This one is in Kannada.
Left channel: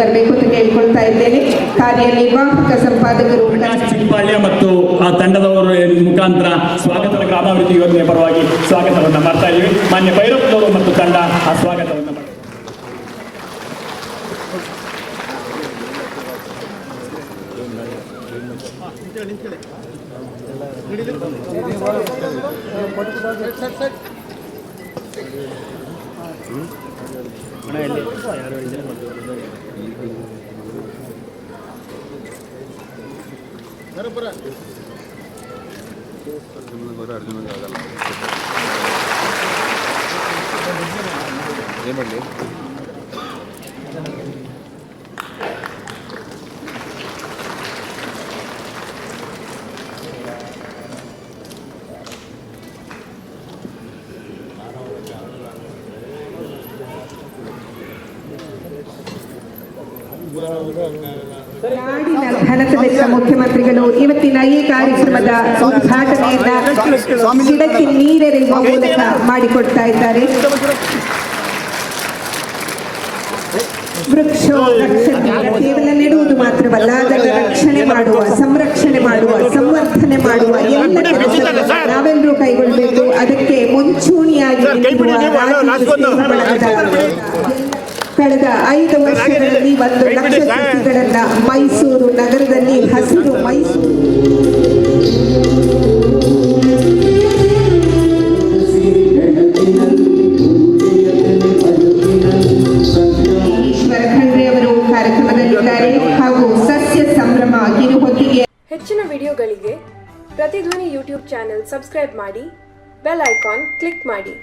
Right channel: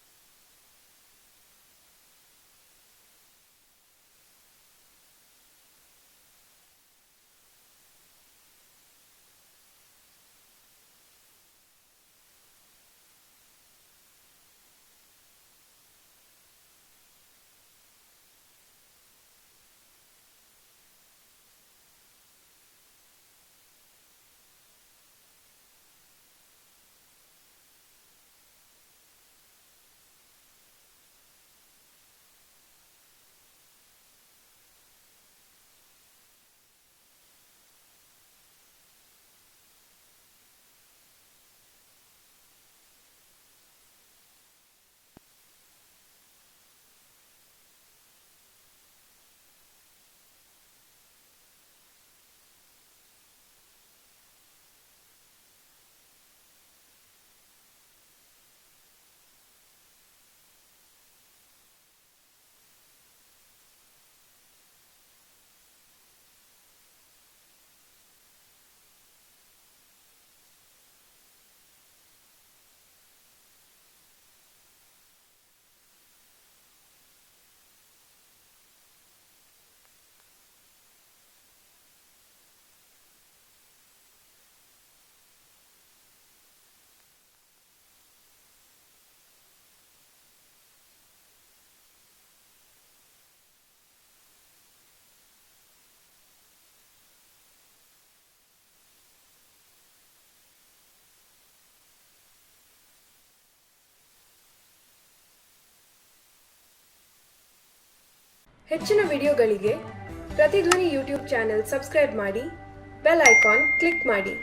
ಬರಬೇಕು ಅಂತ ಕೇಳ್ಕೊಳ್ತಾ ಇದ್ದೇನೆ. ಕಾರ್ಯನಿರ್ವಾಹಕ ಸಂಪಾದಕರು ಚಿಂಪಾಳ್ಯ ಮತ್ತು ಆ ತಂಡದವರ ಮುಖಾಂತರ ಸ್ವಾಗತದ ಗ್ರಾಮಾಭಿವೃದ್ಧಿ ಯೋಜನೆ ಪರವಾಗಿ ಸ್ವಾಗತವನ್ನು ಮಾಡ್ತಾ ಇದ್ದೀವಿ. ಮಾನ್ಯ ಭೈರಪ್ಪನವರು ಮತ್ತು ತಂಡ ಆ ಸ್ವಾಗತವನ್ನು ಮಾಡ್ತಾರೆ. ನಾಡಿನ ಘನತೆವೆತ್ತ ಮುಖ್ಯಮಂತ್ರಿಗಳು ಇವತ್ತಿನ ಈ ಕಾರ್ಯಕ್ರಮದ ಉದ್ಘಾಟನೆಯನ್ನ ಗಿಡಕ್ಕೆ ನೀರೆರೆಯುವ ಮೂಲಕ ಮಾಡಿಕೊಡ್ತಾ ಇದ್ದಾರೆ. ವೃಕ್ಷ ಕೇವಲ ನೆಡುವುದು ಮಾತ್ರವಲ್ಲ, ಅದರ ರಕ್ಷಣೆ ಮಾಡುವ, ಸಂರಕ್ಷಣೆ ಮಾಡುವ, ಸಂವರ್ಧನೆ ಮಾಡುವ ಎಲ್ಲ ಕೆಲಸಗಳನ್ನು ನಾವೆಲ್ಲರೂ ಕೈಗೊಳ್ಳಬೇಕು. ಅದಕ್ಕೆ ಮುಂಚೂಣಿಯಾಗಿ ಕಳೆದ 5 ವರ್ಷಗಳಲ್ಲಿ 1 ಲಕ್ಷ ಸಸಿಗಳನ್ನ ಮೈಸೂರು ನಗರದಲ್ಲಿ ಹಸಿರು ಮೈಸೂರು ಈಶ್ವರ ಖಂಡ್ರೆ ಅವರು ಕಾರ್ಯಕ್ರಮದಲ್ಲಿದ್ದಾರೆ. ಹಾಗೂ ಸಸ್ಯ ಸಂಭ್ರಮ ಕಿರುಹೊತ್ತಿಗೆ ಹೆಚ್ಚಿನ ವಿಡಿಯೋಗಳಿಗೆ ಪ್ರತಿಧ್ವನಿ ಯೂಟ್ಯೂಬ್ ಚಾನೆಲ್ ಸಬ್ಸ್ಕ್ರೈಬ್ ಮಾಡಿ, ಬೆಲ್ ಐಕಾನ್ ಕ್ಲಿಕ್ ಮಾಡಿ.